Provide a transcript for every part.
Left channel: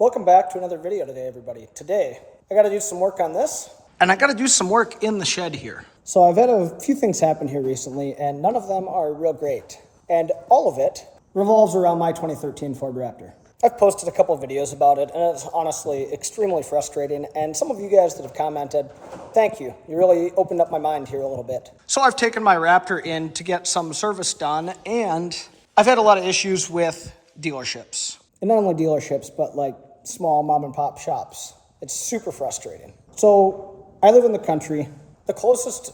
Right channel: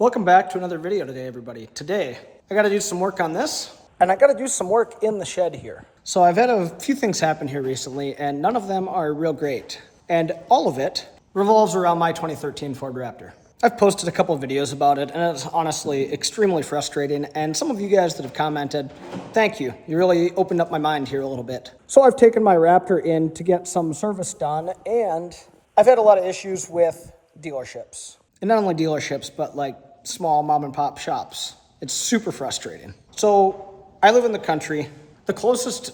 Welcome back to another video today, everybody. Today, I gotta do some work on this, and I gotta do some work in the shed here. So I've had a few things happen here recently, and none of them are real great. And all of it revolves around my 2013 Ford Raptor. I've posted a couple of videos about it, and it's honestly extremely frustrating. And some of you guys that have commented, thank you. You really opened up my mind here a little bit. So I've taken my Raptor in to get some service done, and I've had a lot of issues with dealerships. And not only dealerships, but like small mom and pop shops. It's super frustrating. So I live in the country. The closest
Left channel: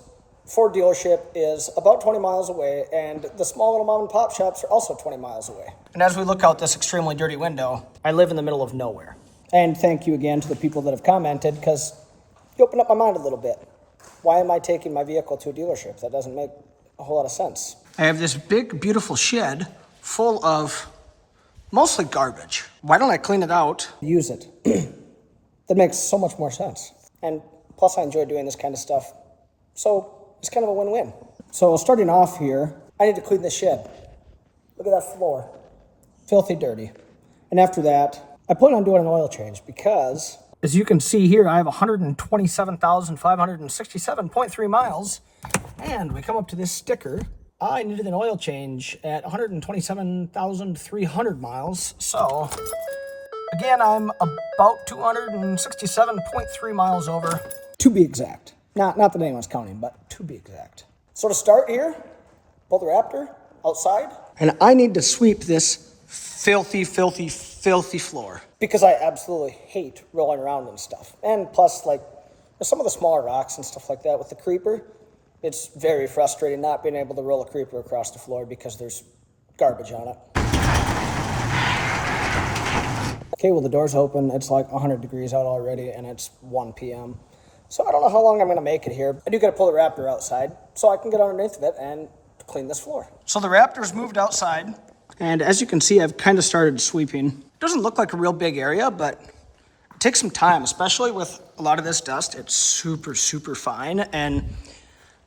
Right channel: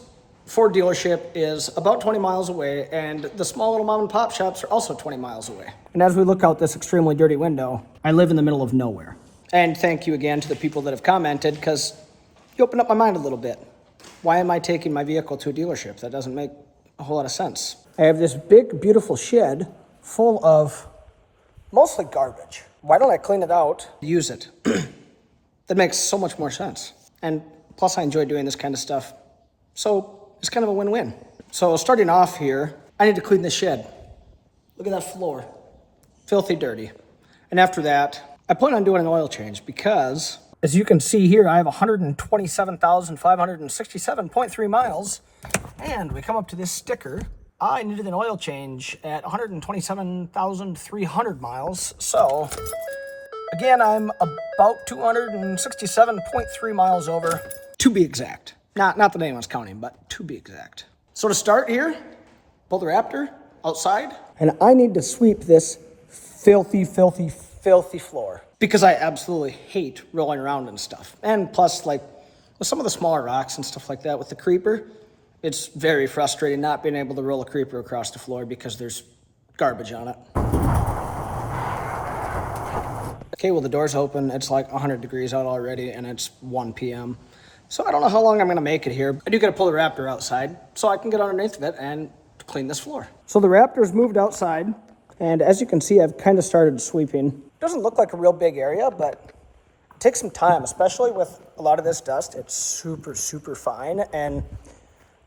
Ford dealership is about 20 miles away, and the small little mom and pop shops are also 20 miles away. And as we look out this extremely dirty window, I live in the middle of nowhere. And thank you again to the people that have commented, because you opened up my mind a little bit. Why am I taking my vehicle to a dealership? That doesn't make a whole lot of sense. I have this big, beautiful shed full of mostly garbage. Why don't I clean it out, use it? That makes so much more sense. And plus I enjoy doing this kind of stuff. So it's kind of a win-win. So starting off here, I need to clean this shed. Look at that floor. Filthy dirty. And after that, I plan on doing an oil change because, as you can see here, I have 127,567.3 miles. And we come up to this sticker. I needed an oil change at 127,300 miles. So, again, I'm about 267.3 miles over, to be exact. Not that anyone's counting, but to be exact. So to start here, pull the Raptor outside, and I need to sweep this filthy, filthy, filthy floor because I absolutely hate rolling around and stuff. And plus, like, with some of the smaller rocks and stuff like that with the creeper, it's very frustrating not being able to roll a creeper across the floor because there's garbage on it. Okay, well, the door's open. It's like 100 degrees out already, and it's 1 p.m. So I don't know how long I'm going to make it here. I do got to pull the Raptor outside so I can get underneath of it and clean this floor. So the Raptor's moved outside, and as you can see, I've kind of started sweeping. Doesn't look like a real big area, but it takes some time, especially with a lot of this dust. It's super, super fine, and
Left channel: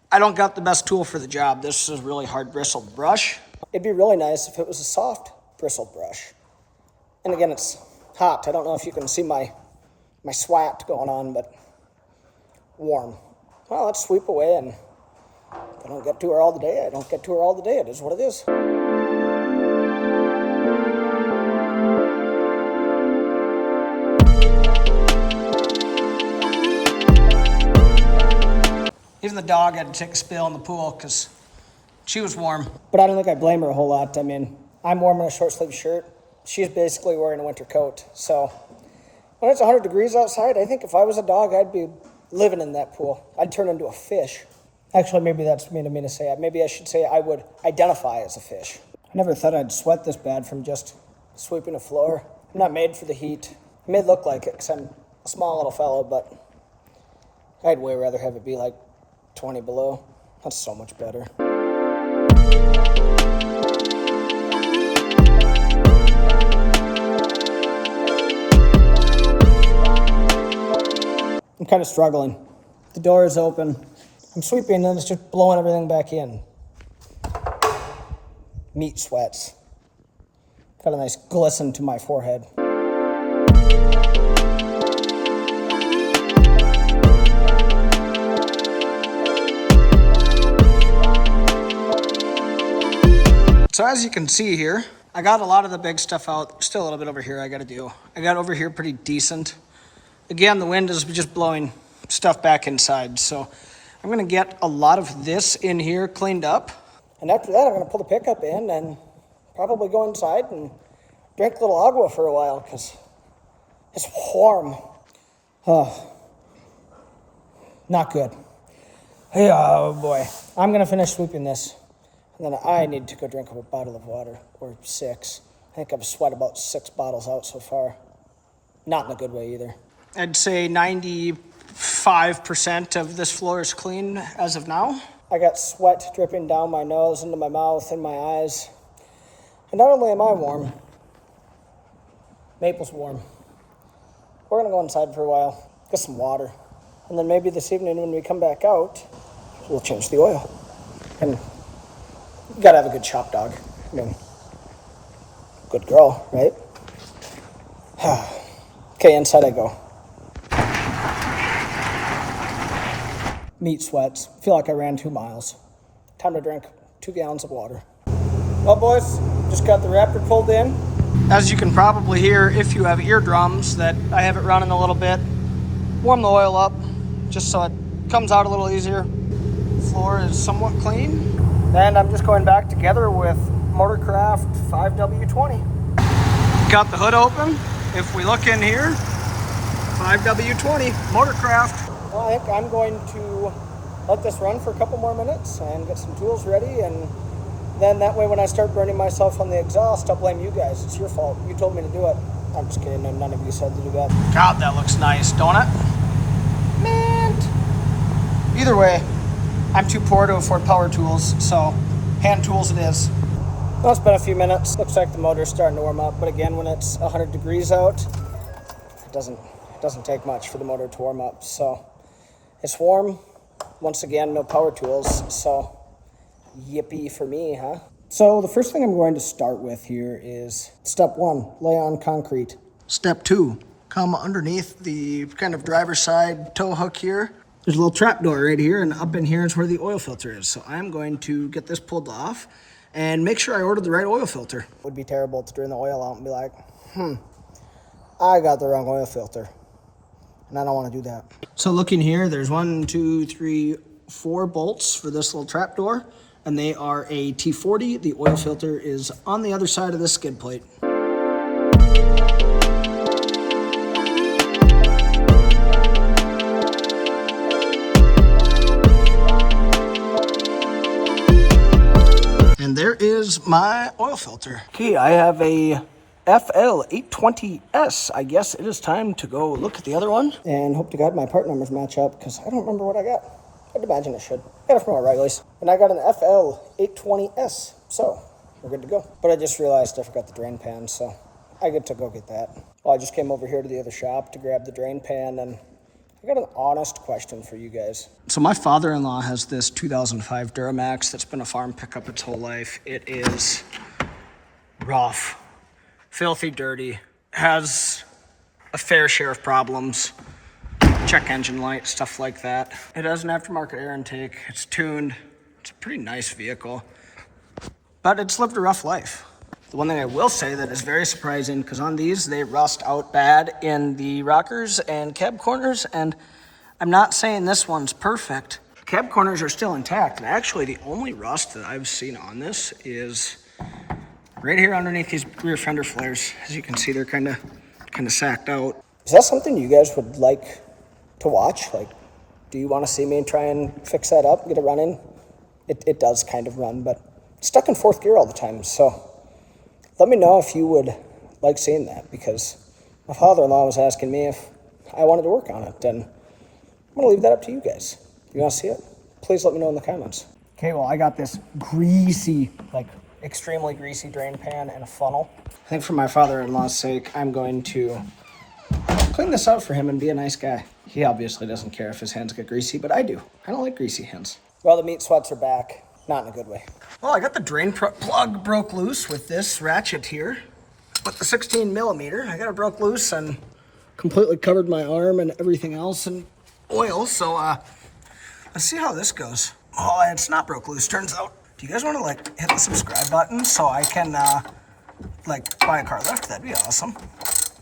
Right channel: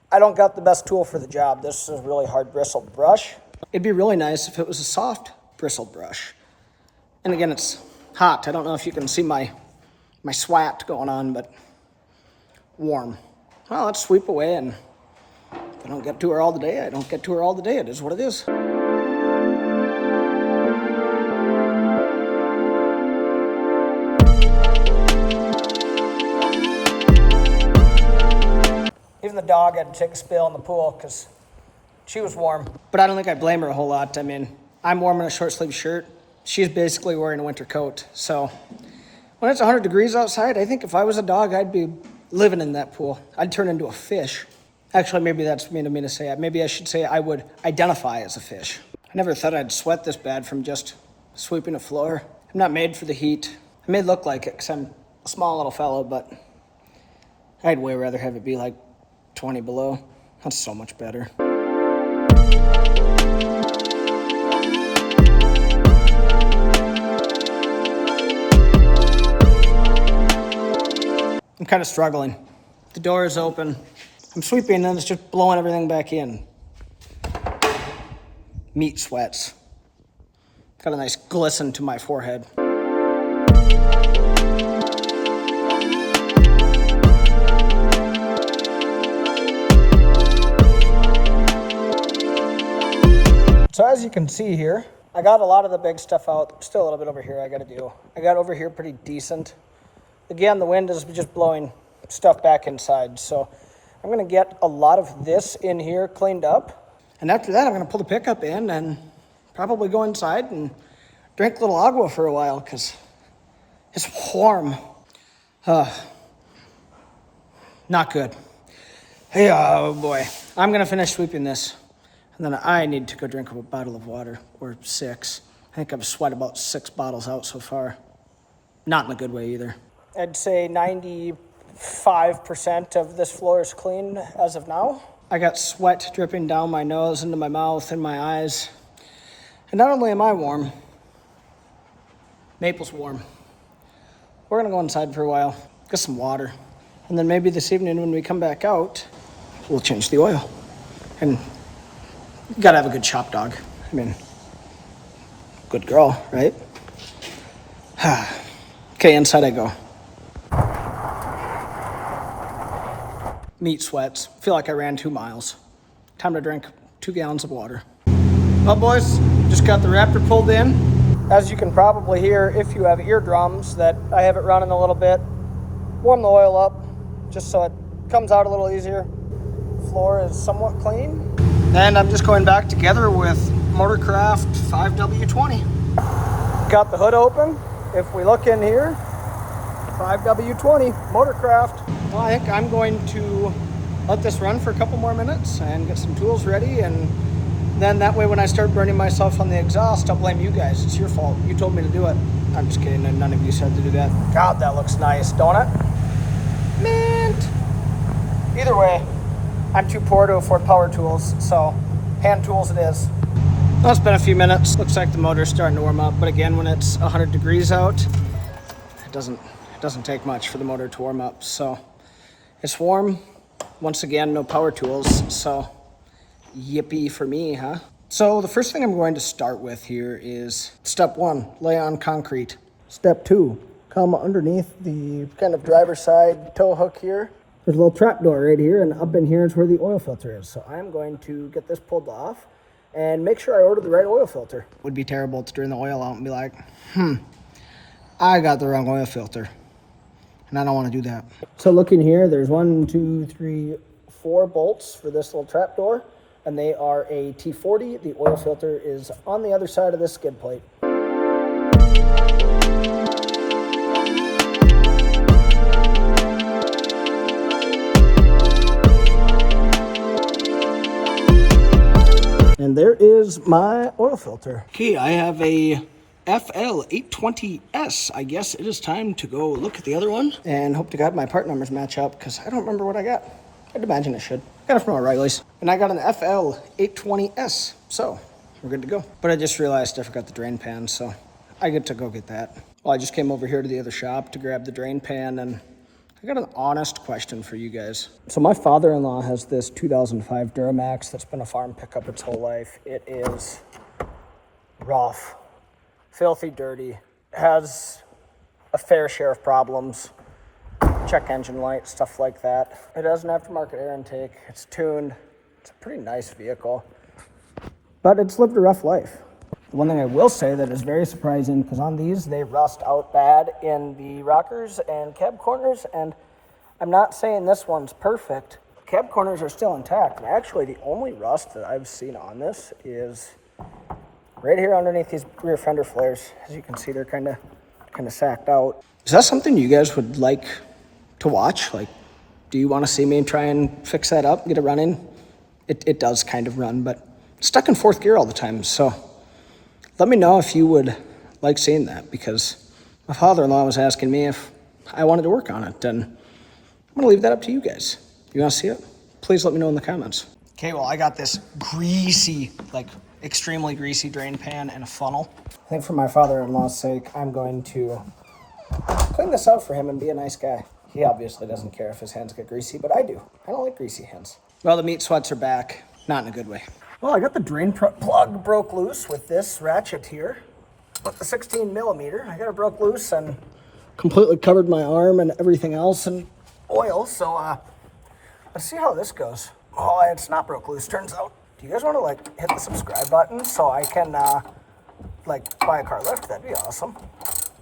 I don't got the best tool for the job. This is a really hard bristled brush. It'd be really nice if it was a soft bristled brush. And again, it's hot. I don't know if you can see my swat going on, but warm. Well, let's sweep away, and if I don't get to her all the day, I don't get to her all the day. It is what it is. Even the dog had to take a spill in the pool because she was warm. But I don't think I blame her a whole lot. I mean, I'm warm in a short sleeve shirt. She's basically wearing a winter coat. So when it's 100 degrees outside, I think if I was a dog, I'd be living in that pool. I'd turn into a fish. Actually, maybe that's mean of me to say. Maybe I should say I would identify as a fish. I never thought I'd sweat this bad from just sweeping a floor. I'm not made for the heat. I may look like it because I'm a small little fellow, but I'd way rather have it be like 20 below. That's so much better. I'm kind of struggling. The door is open. I'm sweeping and it's just blowing everything back in. Meat sweats. Got a nice glisten to my forehead. So as you can see here, I got a lot of the big stuff out. Still a little bit over here I got to do. I got over here pretty decent. Again, the wind is just blowing stuff back inside. So I'm going to get a lot of this in here cleaned up. And after that, I'm going to pull the pickup in and probably go inside and drink a little agua for a while because it's warm. Not good. Hey, oh boy. I'm going to finish sweeping this. And then I need to go drink a bottle of water, or 6. I think I've sweat about 6 bottles out so far. Not in a good way either. I'd say 95% of this floor is clean as of now. I got sweat dripping down my nose, into my mouth, and my eyes. And not only am I warm, Maple's warm. We're gonna go inside for a while, get some water. And then maybe this evening when we come back out, we'll change the oil. And you gotta have a good shop dog. I mean, good girl, right? Okay, inside I go. Meat sweats. Feel like I ran 2 miles. Time to drink 2 gallons of water. Well, boys, just got the Raptor pulled in. As you can probably hear, if you have eardrums, that I have it running a little bit. Warm the oil up, just so it comes out a little easier. Floor is somewhat clean. And I'm just going back together with Motorcraft 5W20. Got the hood open. If we look in here, 5W20 Motorcraft. Well, I think I'm going to let this run for a couple more minutes and get some tools ready, and then that way when I start burning myself on the exhaust, I'll blame you guys. It's your fault. You told me to do it. I'm just kidding, and none of you said to do that. God, that looks nice, don't it? Mint. Either way, I'm too poor to afford power tools, so hand tools it is. Well, it's been a few minutes. Looks like the motor's starting to warm up, but again, when it's 100 degrees out, it doesn't take much for the motor to warm up. So it's warm. Once again, no power tools, so yippee for me, huh? So the first thing I'm going to start with here is step 1, lay on concrete. Step 2, come underneath the kind of driver's side tow hook here. There's a little trap door right here, and up in here is where the oil filter is. So I'm going to get this pulled off and make sure I ordered the right oil filter. It would be terrible to drain the oil out and be like, I got the wrong oil filter. And I don't want to do that. So looking here, there's 1, 2, 3, 4 bolts for this little trap door, and they are a T40. The oil filter is on the other side of this skid plate. And there is my oil filter. Okay, I have a FL820S. I guess it is time to go look at the other one and hope to God my part numbers match up, because I don't remember what I got. I'd imagine it should. Got it from O'Reilly's. And I got an FL820S, so we're good to go. But I just realized I forgot the drain pan, so I get to go get that. Well, I just came over here to the other shop to grab the drain pan, and I got an honest question for you guys. So my father-in-law has this 2005 Duramax that's been a farm pickup its whole life. It is rough. Filthy dirty, has a fair share of problems, check engine light, stuff like that. It has an aftermarket air intake, it's tuned, it's a pretty nice vehicle, but it's lived a rough life. The one thing I will say that is very surprising, because on these, they rust out bad in the rockers and cab corners, and I'm not saying this one's perfect. Cab corners are still intact, and actually the only rust that I've seen on this is right here underneath these rear fender flares. As you can see, they're kind of sacked out. Is that something you guys would like to watch? Like, do you want to see me try and fix that up, get it running? It does kind of run, but it's stuck in 4th gear all the time. So let me know if you would like seeing that, because my father-in-law was asking me if I wanted to work on it, and I'm going to leave that up to you guys. You want to see it? Please let me know in the comments. Okay, well, I got this greasy, extremely greasy drain pan and a funnel. I think for my father-in-law's sake, I'm going to clean this out for him and be a nice guy. He obviously doesn't care if his hands get greasy, but I do. I don't like greasy hands. Well, the meat sweats are back. Not in a good way. Well, I got the drain plug broke loose with this ratchet here. With the 16 millimeter, I got it broke loose and completely covered my arm and everything else in oil. So let's see how this goes. Oh, it's not broke loose, turns out. Do you guys want to hit the subscribe button so I can buy a car lift? That'd be awesome.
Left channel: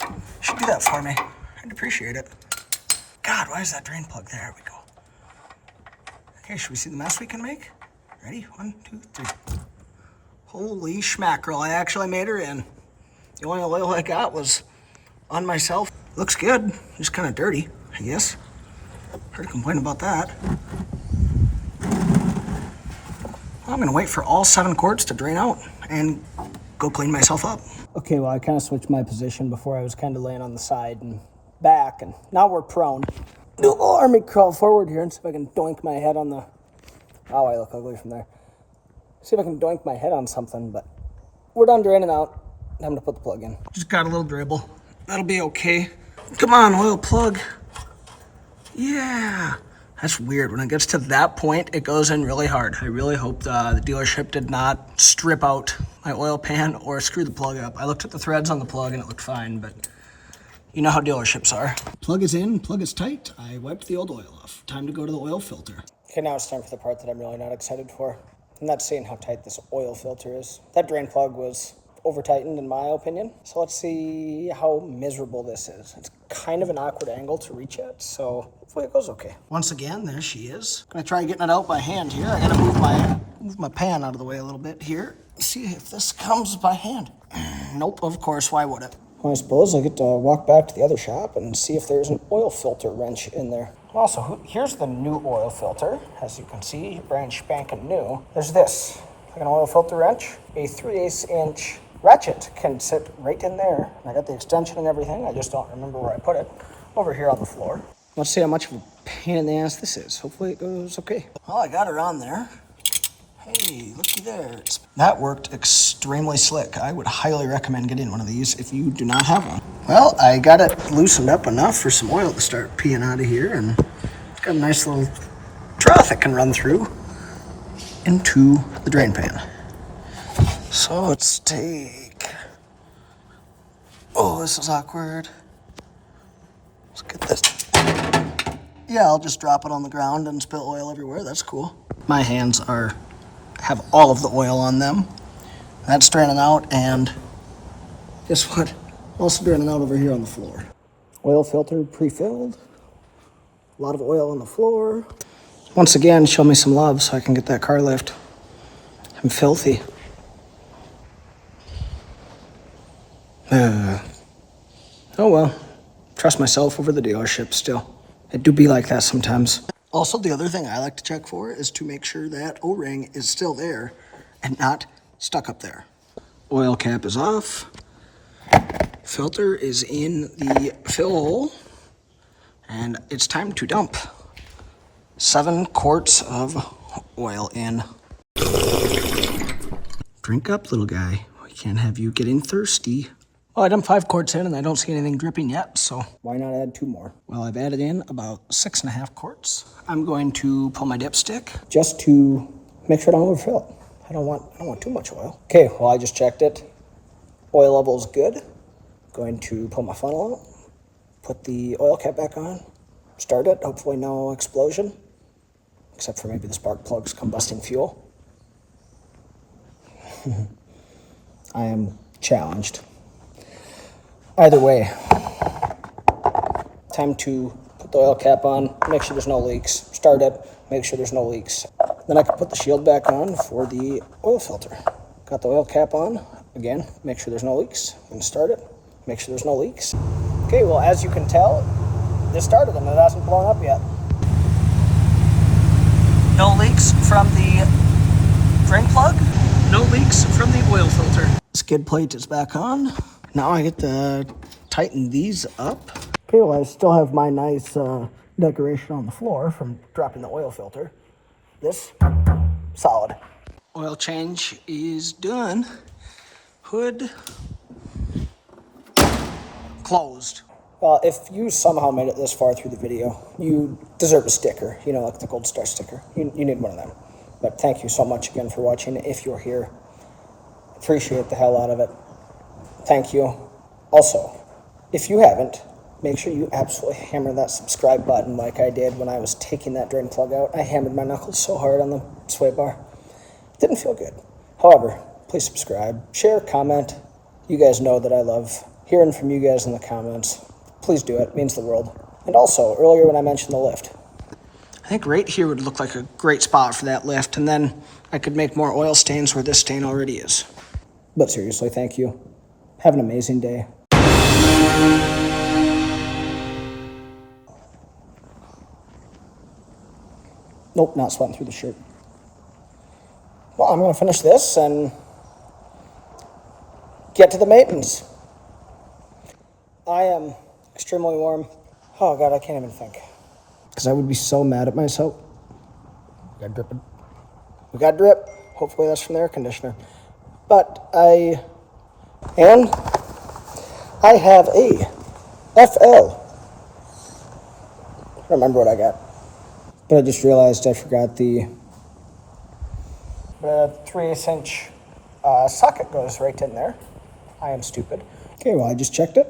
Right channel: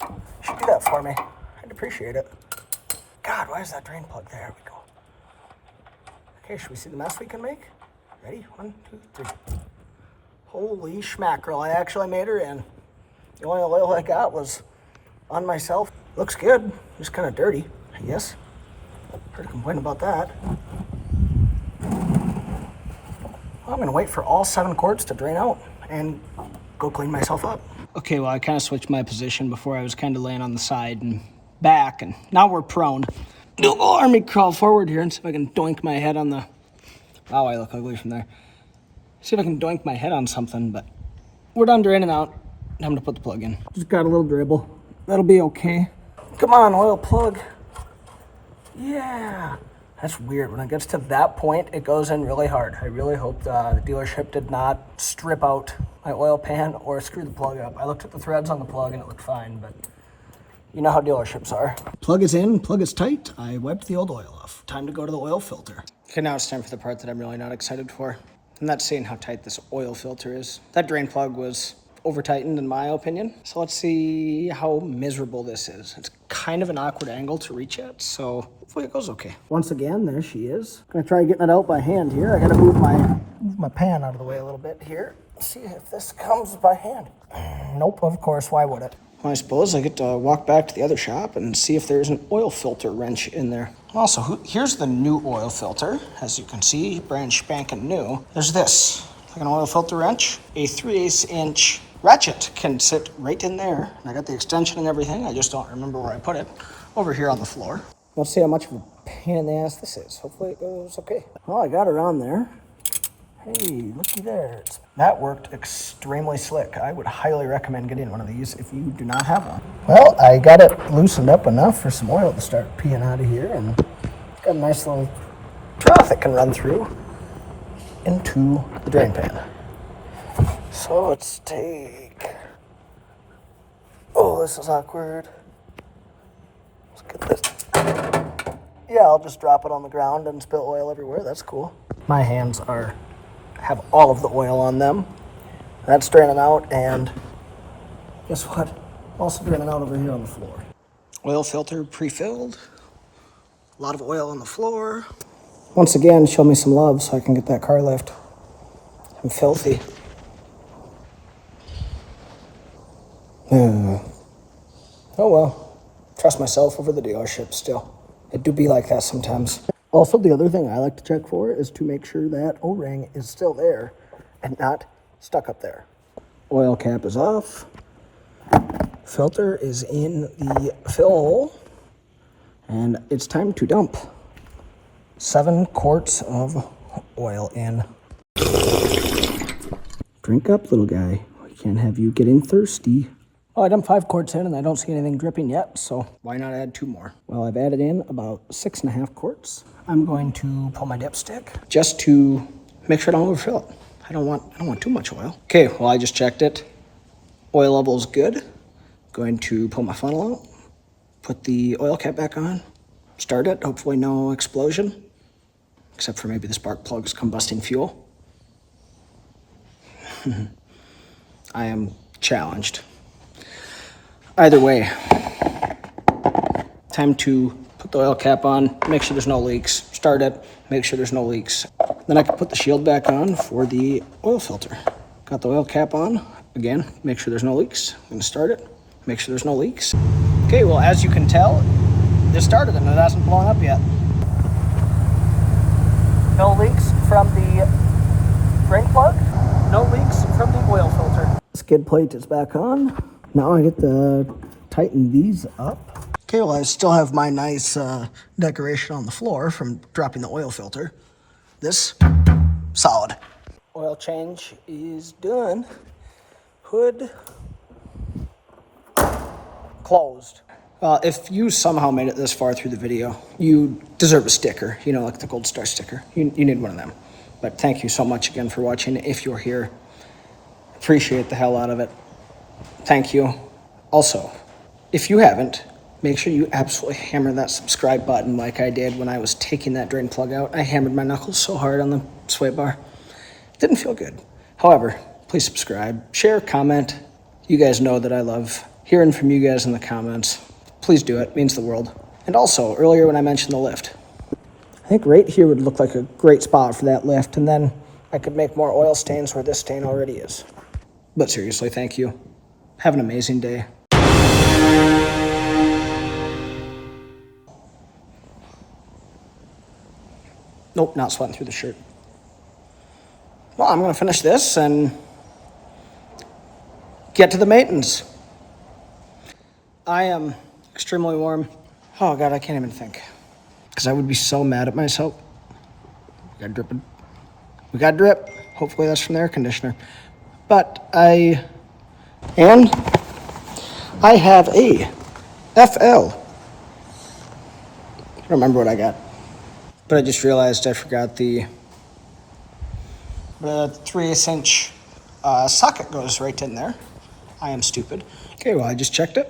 You should do that for me. I'd appreciate it. God, why is that drain plug there? There we go. Okay, should we see the mess we can make? Ready? 1, 2, 3. Holy schmackerel, I actually made her in. The only oil I got was on myself. Looks good, just kind of dirty, I guess. Heard a complaint about that. Well, I'm gonna wait for all 7 quarts to drain out and go clean myself up. Okay, well, I kind of switched my position. Before I was kind of laying on the side and back, and now we're prone. Do a little army crawl forward here and see if I can doink my head on the... Oh, I look ugly from there. See if I can doink my head on something, but we're done draining out. Time to put the plug in. Just got a little dribble. That'll be okay. Come on, oil plug. Yeah. That's weird. When it gets to that point, it goes in really hard. I really hope the dealership did not strip out my oil pan or screw the plug up. I looked at the threads on the plug and it looked fine, but You know how dealerships are. Plug is in, plug is tight. I wiped the old oil off. Time to go to the oil filter. Okay, now it's time for the part that I'm really not excited for. I'm not seeing how tight this oil filter is. That drain plug was over tightened in my opinion. So let's see how miserable this is. It's kind of an awkward angle to reach at, so hopefully it goes okay. Once again, there she is. Gonna try getting it out by hand here. I gotta move my pan out of the way a little bit here. See if this comes by hand. Nope, of course, why would it? Well, I suppose I get to walk back to the other shop and see if there's an oil filter wrench in there. Also, here's the new oil filter. As you can see, brand spanking new. There's this, like an oil filter wrench. A 3/8 inch ratchet can sit right in there. And I got the extension and everything. I just don't remember where I put it. Over here on the floor. Let's see how much of a pain in the ass this is. Hopefully it goes okay. Well, I got her on there. Hey, looky there. That worked extremely slick. I would highly recommend getting one of these if you do not have one. Well, I got it loosened up enough for some oil to start peeing out of here, and it's got a nice little trough it can run through into the drain pan. So let's take... Oh, this is awkward. Let's get this. Yeah, I'll just drop it on the ground and spill oil everywhere. That's cool. My hands have all of the oil on them. That's draining out, and guess what? Also draining out over here on the floor. Oil filter pre-filled. A lot of oil on the floor. Once again, show me some love so I can get that car lift. I'm filthy. Oh well, trust myself over the dealership still. It do be like that sometimes. Also, the other thing I like to check for is to make sure that O-ring is still there and not stuck up there. Oil cap is off. Filter is in the fill hole. And it's time to dump 7 quarts of oil in. Drink up, little guy. We can't have you getting thirsty. Oh, I dumped 5 quarts in and I don't see anything dripping yet, so why not add 2 more? Well, I've added in about 6.5 quarts. I'm going to pull my dipstick just to make sure I don't overfill it. I don't want too much oil. Okay, well, I just checked it. Oil level is good. Going to pull my funnel out, put the oil cap back on, start it. Hopefully no explosion, except for maybe the spark plug's combusting fuel. I am challenged. Either way, time to put the oil cap on, make sure there's no leaks, start it, make sure there's no leaks. Then I can put the shield back on for the oil filter. Got the oil cap on, again, make sure there's no leaks. I'm gonna start it, make sure there's no leaks. Okay, well, as you can tell, this started and it hasn't blown up yet. No leaks from the drain plug, no leaks from the oil filter. Skid plate is back on. Now I get to tighten these up. Okay, well, I still have my nice decoration on the floor from dropping the oil filter. This, solid. Oil change is done. Hood closed. Well, if you somehow made it this far through the video, you deserve a sticker, you know, like the gold star sticker. You need one of them. But thank you so much again for watching. If you're here, appreciate the hell out of it. Thank you. Also, if you haven't, make sure you absolutely hammer that subscribe button like I did when I was taking that drain plug out. I hammered my knuckles so hard on the sway bar. It didn't feel good. However, please subscribe, share, comment. You guys know that I love hearing from you guys in the comments. Please do it. It means the world. And also, earlier when I mentioned the lift, I think right here would look like a great spot for that lift, and then I could make more oil stains where this stain already is. But seriously, thank you. Have an amazing day. Nope, not sweating through the shirt. Well, I'm going to finish this and get to the maintenance. I am extremely warm. Oh, God, I can't even think. Because I would be so mad at myself. We got dripping. We got drip. Hopefully that's from the air conditioner. But I have a FL. I don't remember what I got. But I just realized I forgot the 3/8 inch socket goes right in there. I am stupid. Okay, well, I just checked it.